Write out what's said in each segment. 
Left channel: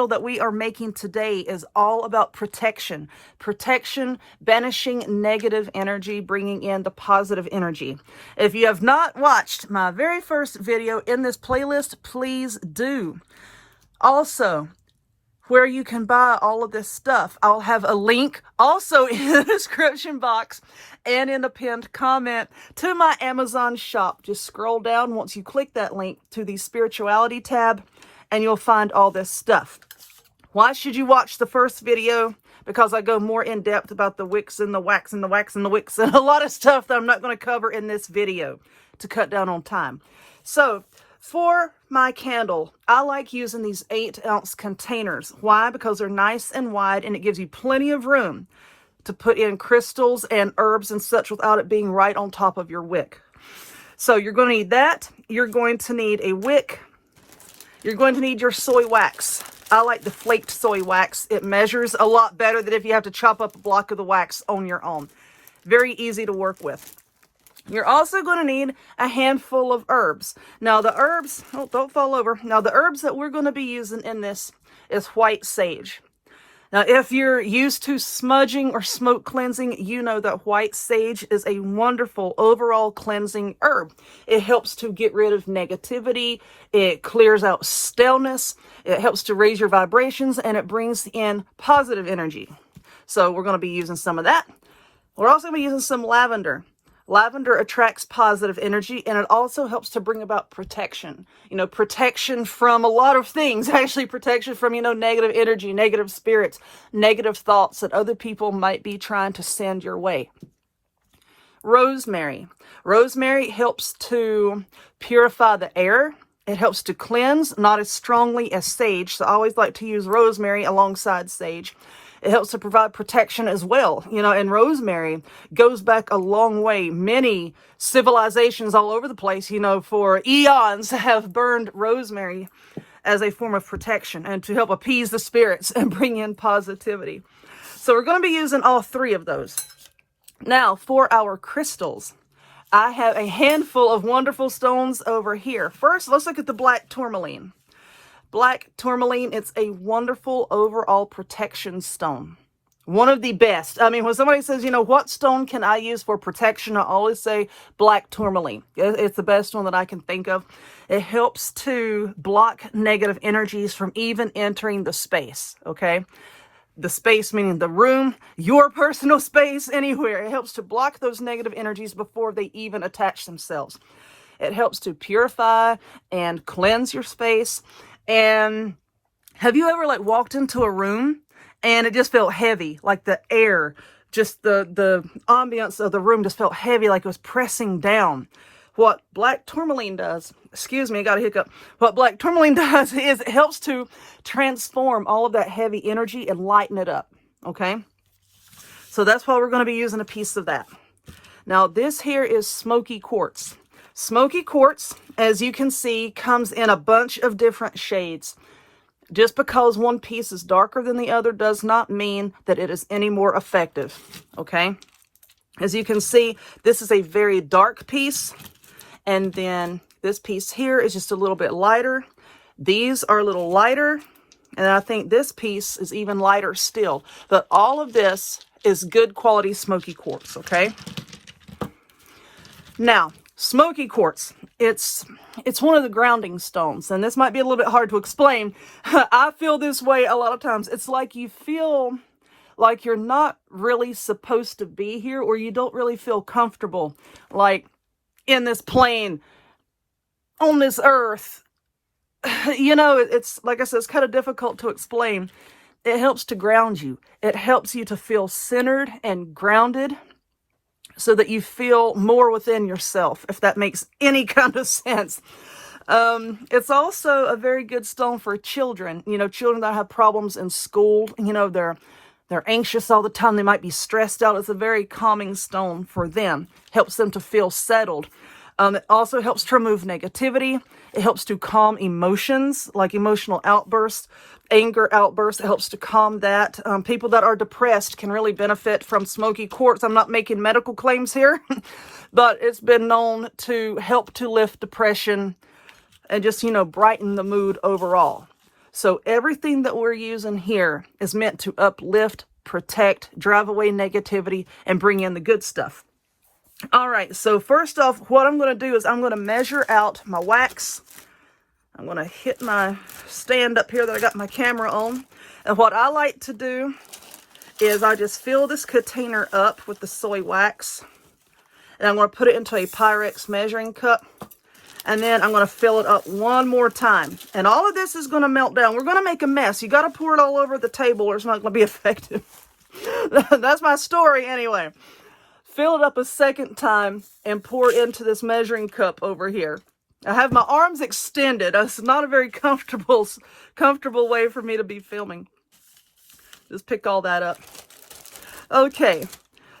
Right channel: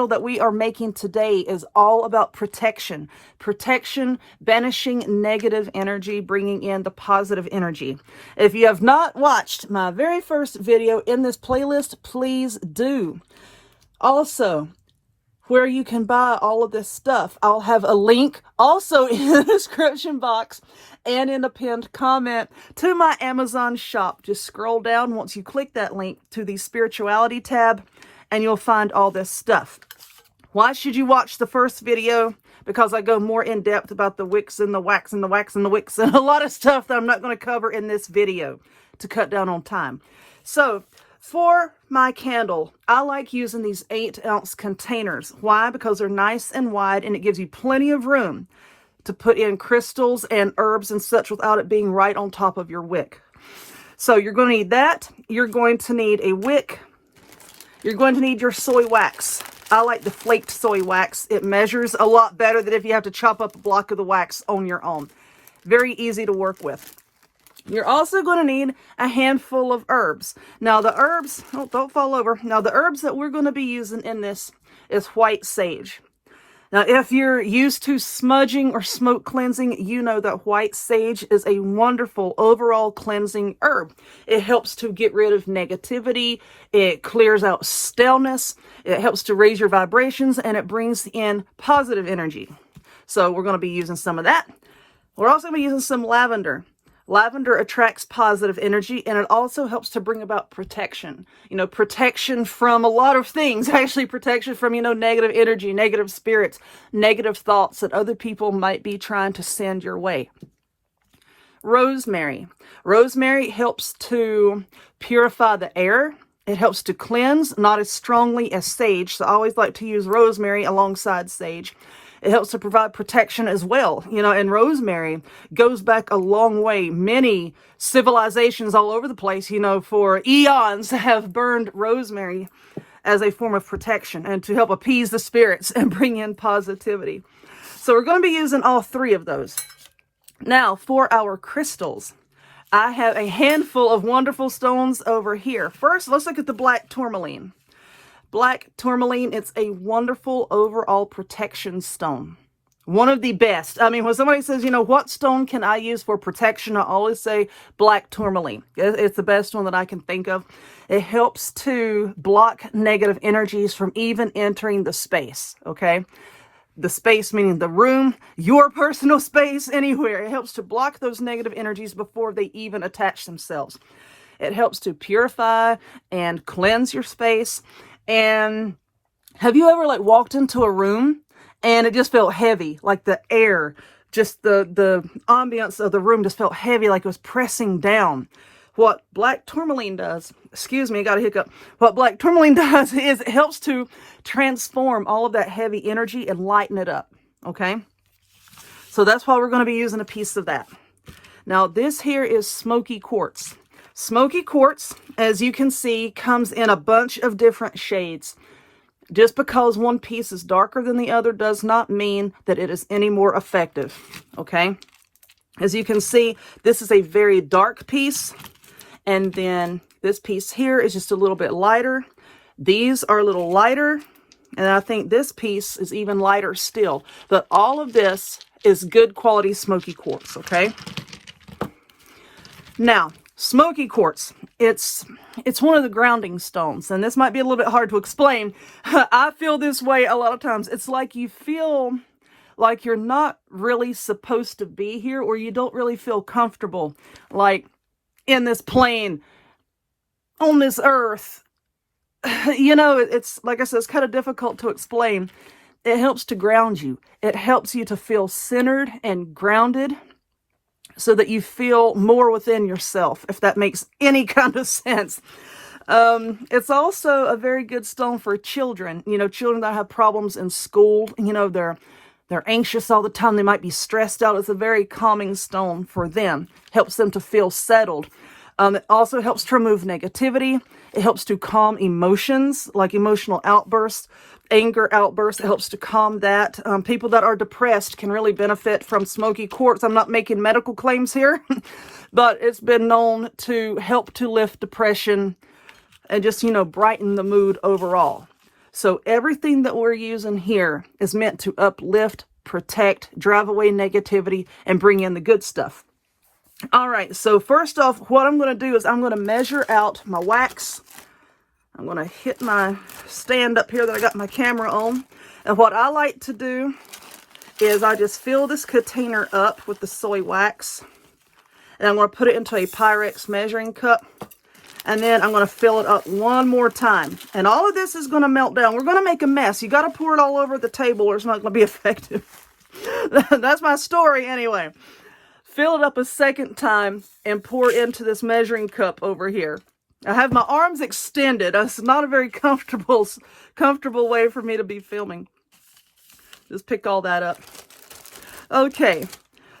candle that we are making today is all about protection. Protection, banishing negative energy, bringing in the positive energy. If you have not watched my very first video in this playlist, please do. Also, where you can buy all of this stuff, I'll have a link also in the description box and in the pinned comment to my Amazon shop. Just scroll down once you click that link to the spirituality tab and you'll find all this stuff. Why should you watch the first video? Because I go more in depth about the wicks and the wax and the wax and the wicks and a lot of stuff that I'm not going to cover in this video to cut down on time. So for my candle, I like using these 8-ounce containers. Why? Because they're nice and wide and it gives you plenty of room to put in crystals and herbs and such without it being right on top of your wick. So you're going to need that. You're going to need a wick. You're going to need your soy wax. I like the flaked soy wax. It measures a lot better than if you have to chop up a block of the wax on your own. Very easy to work with. You're also going to need a handful of herbs. Now the herbs, oh, don't fall over. Now the herbs that we're going to be using in this is white sage. Now, if you're used to smudging or smoke cleansing, you know that white sage is a wonderful overall cleansing herb. It helps to get rid of negativity. It clears out staleness. It helps to raise your vibrations and it brings in positive energy. So we're going to be using some of that. We're also going to be using some lavender. Lavender attracts positive energy and it also helps to bring about protection. You know, protection from a lot of things. Actually, protection from, you know, negative energy, negative spirits, negative thoughts that other people might be trying to send your way. Rosemary. Rosemary helps to purify the air. It helps to cleanse, not as strongly as sage. So I always like to use rosemary alongside sage. It helps to provide protection as well. You know, and rosemary goes back a long way. Many civilizations all over the place, you know, for eons have burned rosemary as a form of protection and to help appease the spirits and bring in positivity. So we're going to be using all three of those. Now for our crystals, I have a handful of wonderful stones over here. First, let's look at the black tourmaline. Black tourmaline, it's a wonderful overall protection stone. One of the best. I mean, when somebody says, you know, what stone can I use for protection? I always say black tourmaline. It's the best one that I can think of. It helps to block negative energies from even entering the space, okay? The space meaning the room, your personal space, anywhere. It helps to block those negative energies before they even attach themselves. It helps to purify and cleanse your space. And have you ever like walked into a room and it just felt heavy, like the air, just the ambience of the room just felt heavy, like it was pressing down? What black tourmaline does, excuse me, I got a hiccup. What black tourmaline does is it helps to transform all of that heavy energy and lighten it up, okay? So that's why we're going to be using a piece of that. Now this here is Smoky Quartz. Smoky Quartz, as you can see, comes in a bunch of different shades. Just because one piece is darker than the other does not mean that it is any more effective, okay? As you can see, this is a very dark piece, and then this piece here is just a little bit lighter. These are a little lighter, and I think this piece is even lighter still. But all of this is good quality Smoky Quartz, okay? Now, Smoky Quartz, it's one of the grounding stones, and this might be a little bit hard to explain. I feel this way a lot of times. It's like you feel like you're not really supposed to be here, or you don't really feel comfortable, like in this plane, on this earth. You know, it's like I said, it's kind of difficult to explain. It helps to ground you. It helps you to feel centered and grounded, so that you feel more within yourself, if that makes any kind of sense. It's also a very good stone for children. You know, children that have problems in school, you know, they're anxious all the time. They might be stressed out. It's a very calming stone for them. Helps them to feel settled. It also helps to remove negativity. It helps to calm emotions, like emotional outbursts, anger outbursts. It helps to calm that. People that are depressed can really benefit from Smoky Quartz. I'm not making medical claims here, but it's been known to help to lift depression and just, you know, brighten the mood overall. So everything that we're using here is meant to uplift, protect, drive away negativity, and bring in the good stuff. All right, so first off, what I'm going to do is I'm going to measure out my wax. I'm going to hit my stand up here that I got my camera on. And what I like to do is I just fill this container up with the soy wax. And I'm going to put it into a Pyrex measuring cup. And then I'm going to fill it up one more time. And all of this is going to melt down. We're going to make a mess. You got to pour it all over the table or it's not going to be effective. That's my story anyway. Fill it up a second time and pour into this measuring cup over here. I have my arms extended. It's not a very comfortable way for me to be filming. Just pick all that up. Okay,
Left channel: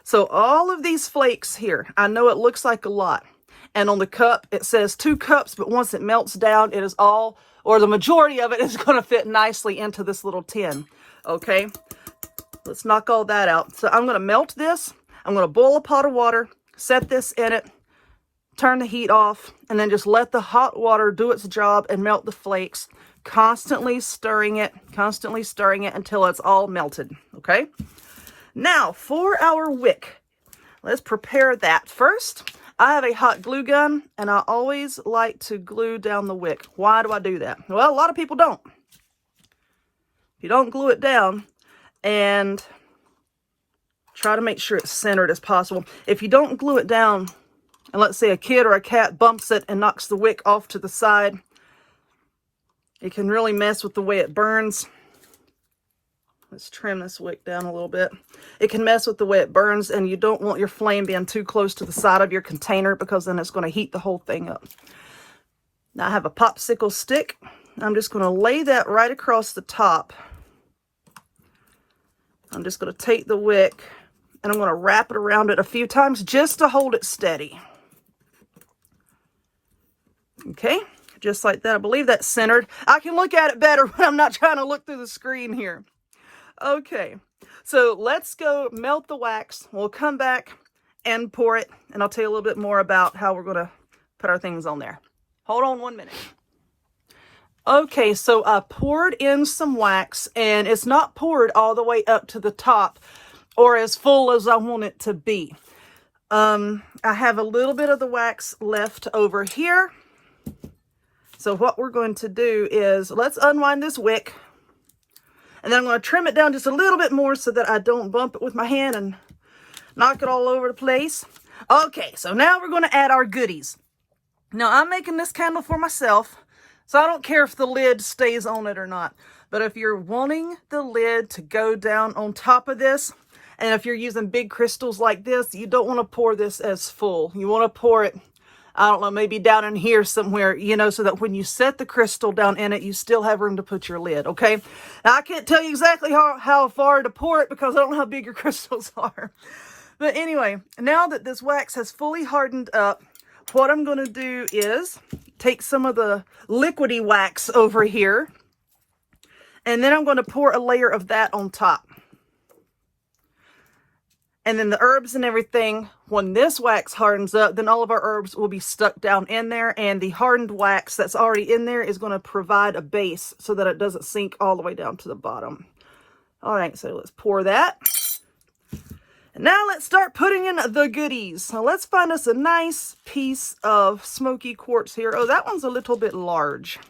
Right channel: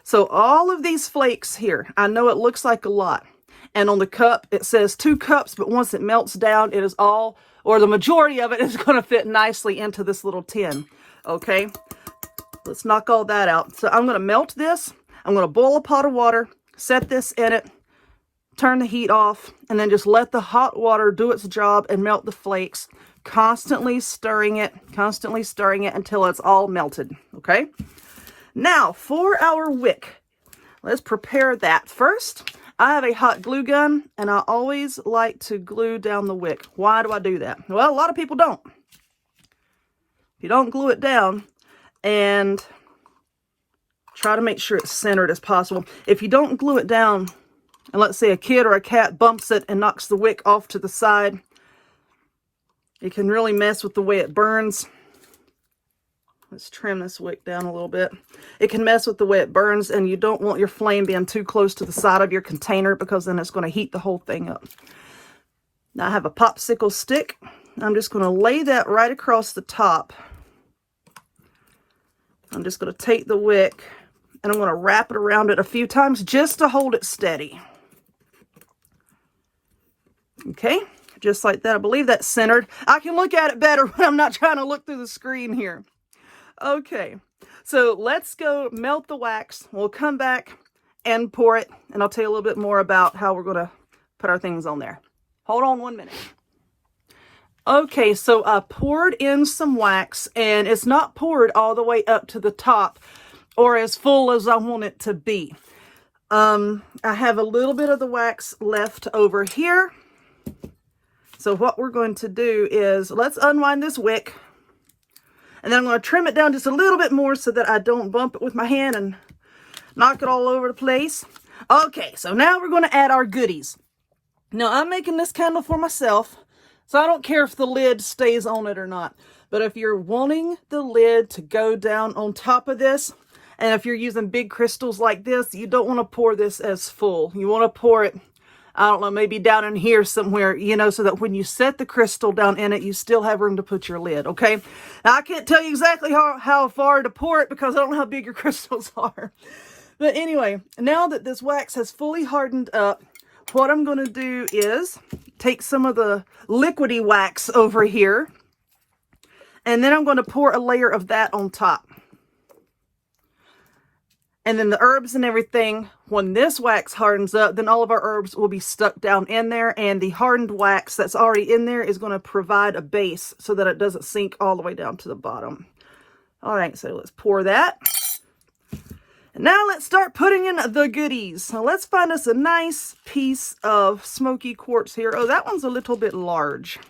so all of these flakes here, I know it looks like a lot. And on the cup, it says 2 cups, but once it melts down, it is all, or the majority of it is going to fit nicely into this little tin. Okay, let's knock all that out. So I'm going to melt this. I'm going to boil a pot of water, set this in it, turn the heat off, and then just let the hot water do its job and melt the flakes, constantly stirring it until it's all melted, okay? Now, for our wick, let's prepare that. First, I have a hot glue gun, and I always like to glue down the wick. Why do I do that? Well, a lot of people don't. You don't glue it down, and try to make sure it's centered as possible. If you don't glue it down, and let's say a kid or a cat bumps it and knocks the wick off to the side, it can really mess with the way it burns. Let's trim this wick down a little bit. It can mess with the way it burns, and you don't want your flame being too close to the side of your container because then it's going to heat the whole thing up. Now I have a popsicle stick. I'm just going to lay that right across the top. I'm just going to take the wick and I'm going to wrap it around it a few times just to hold it steady. Okay, just like that. I believe that's centered. I can look at it better when I'm not trying to look through the screen here. Okay, so let's go melt the wax. We'll come back and pour it, and I'll tell you a little bit more about how we're going to put our things on there. Hold on 1 minute. Okay, so I poured in some wax, and it's not poured all the way up to the top or as full as I want it to be. I have a little bit of the wax left over here. So what we're going to do is, let's unwind this wick. And then I'm going to trim it down just a little bit more so that I don't bump it with my hand and knock it all over the place. Okay, so now we're going to add our goodies. Now, I'm making this candle for myself, so I don't care if the lid stays on it or not. But if you're wanting the lid to go down on top of this, and if you're using big crystals like this, you don't want to pour this as full. You want to pour it, I don't know, maybe down in here somewhere, you know, so that when you set the crystal down in it, you still have room to put your lid, okay? Now, I can't tell you exactly how far to pour it because I don't know how big your crystals are. But anyway, now that this wax has fully hardened up, what I'm going to do is take some of the liquidy wax over here, and then I'm going to pour a layer of that on top. And then the herbs and everything, when this wax hardens up, then all of our herbs will be stuck down in there, and the hardened wax that's already in there is going to provide a base so that it doesn't sink all the way down to the bottom. All right, so let's pour that. And now let's start putting in the goodies. So let's find us a nice piece of smoky quartz here. Oh, that one's a little bit large.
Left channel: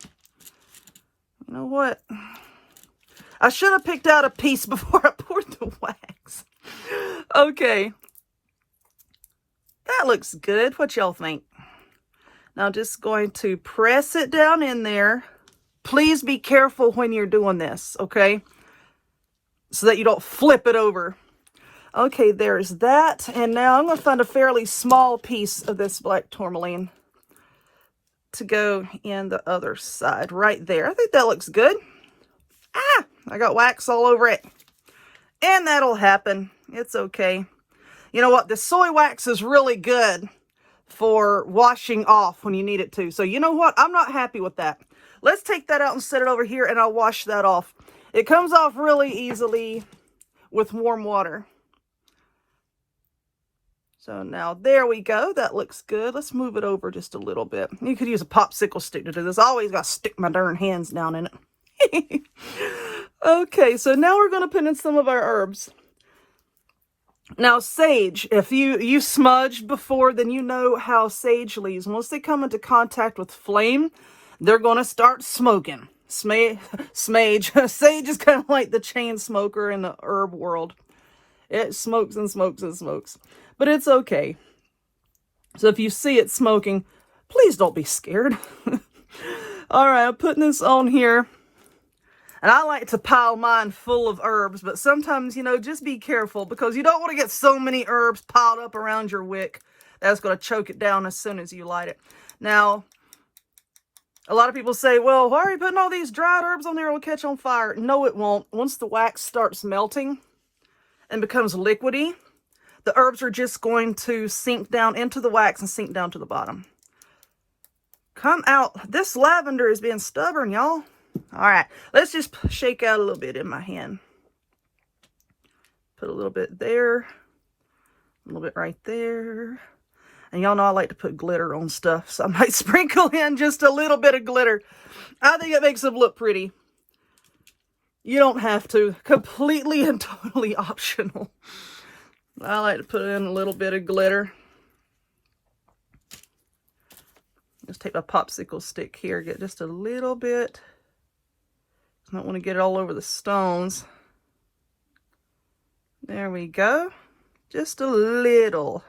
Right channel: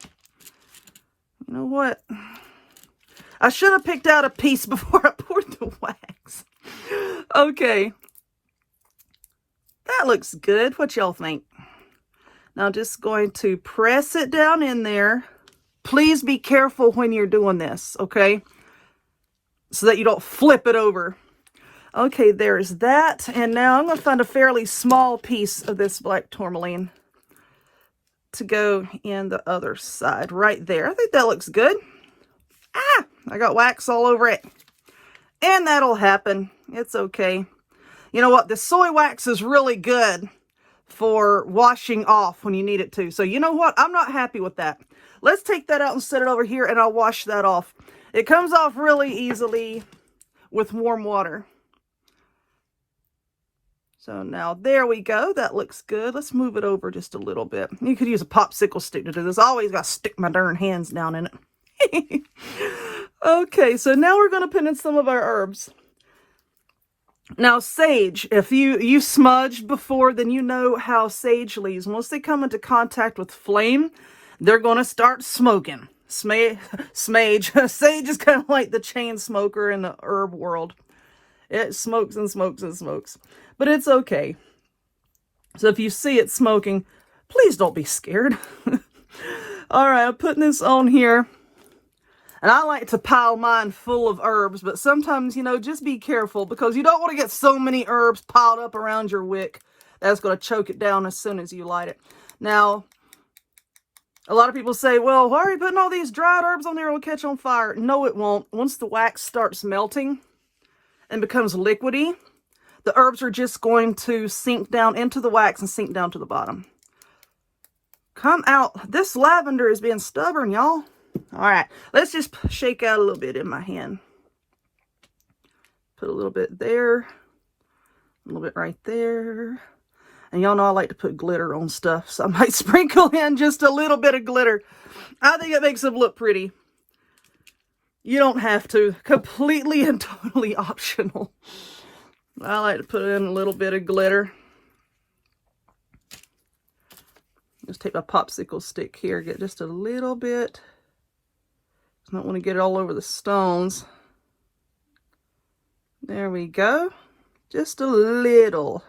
You know what? I should have picked out a piece before I poured the wax. Okay. That looks good. What y'all think? Now just going to press it down in there. Please be careful when you're doing this, okay? So that you don't flip it over. Okay, there's that. And now I'm going to find a fairly small piece of this black tourmaline to go in the other side right there. I think that looks good. Ah, I got wax all over it. And that'll happen. It's okay. You know what? The soy wax is really good for washing off when you need it to. So you know what? I'm not happy with that. Let's take that out and set it over here, and I'll wash that off. It comes off really easily with warm water. So now there we go. That looks good. Let's move it over just a little bit. You could use a popsicle stick to do this. I always got to stick my darn hands down in it. Okay, so now we're going to put in some of our herbs. Now, sage, if you smudged before, then you know how sage leaves. Once they come into contact with flame, they're going to start smoking. Sage is kind of like the chain smoker in the herb world. It smokes and smokes and smokes. But it's okay. So if you see it smoking, please don't be scared. All right, I'm putting this on here. And I like to pile mine full of herbs, but sometimes, you know, just be careful because you don't want to get so many herbs piled up around your wick. That's going to choke it down as soon as you light it. Now, a lot of people say, well, why are you putting all these dried herbs on there? It will catch on fire. No, it won't. Once the wax starts melting and becomes liquidy, the herbs are just going to sink down into the wax and sink down to the bottom. Come out. This lavender is being stubborn, y'all. All right, let's just shake out a little bit in my hand. Put a little bit there, a little bit right there. And y'all know I like to put glitter on stuff, so I might sprinkle in just a little bit of glitter. I think it makes them look pretty. You don't have to. Completely and totally optional. I like to put in a little bit of glitter. Just take my popsicle stick here, get just a little bit. I don't want to get it all over the stones. There we go. Just a little.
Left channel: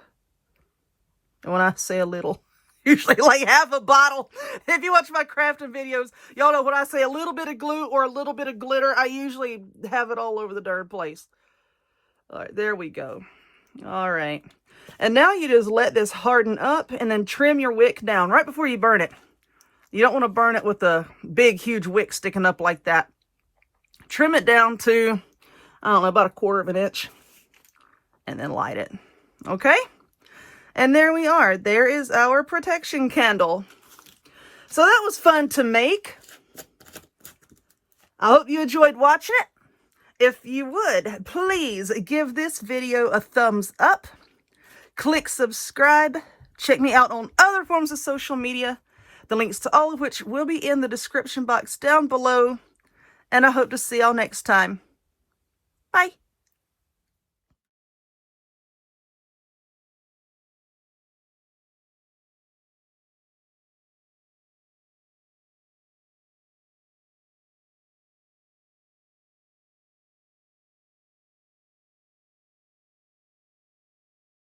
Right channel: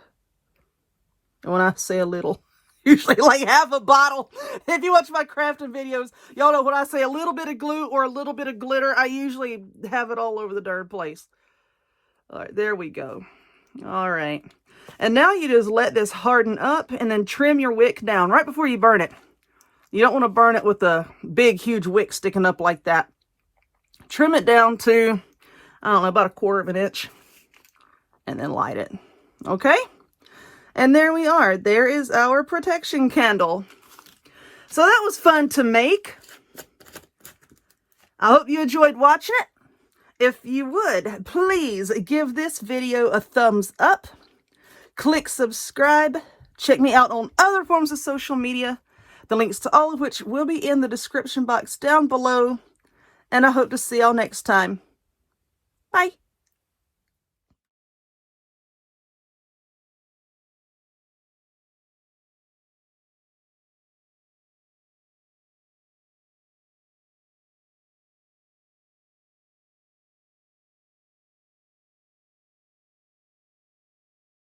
And when I say a little, usually like half a bottle. If you watch my crafting videos, y'all know when I say a little bit of glue or a little bit of glitter, I usually have it all over the darn place. All right, there we go. All right. And now you just let this harden up and then trim your wick down right before you burn it. You don't want to burn it with a big, huge wick sticking up like that. Trim it down to, I don't know, about 1/4 of an inch. And then light it. Okay? And there we are. There is our protection candle. So that was fun to make. I hope you enjoyed watching it. If you would, please give this video a thumbs up. Click subscribe. Check me out on other forms of social media. The links to all of which will be in the description box down below. And I hope to see y'all next time. Bye.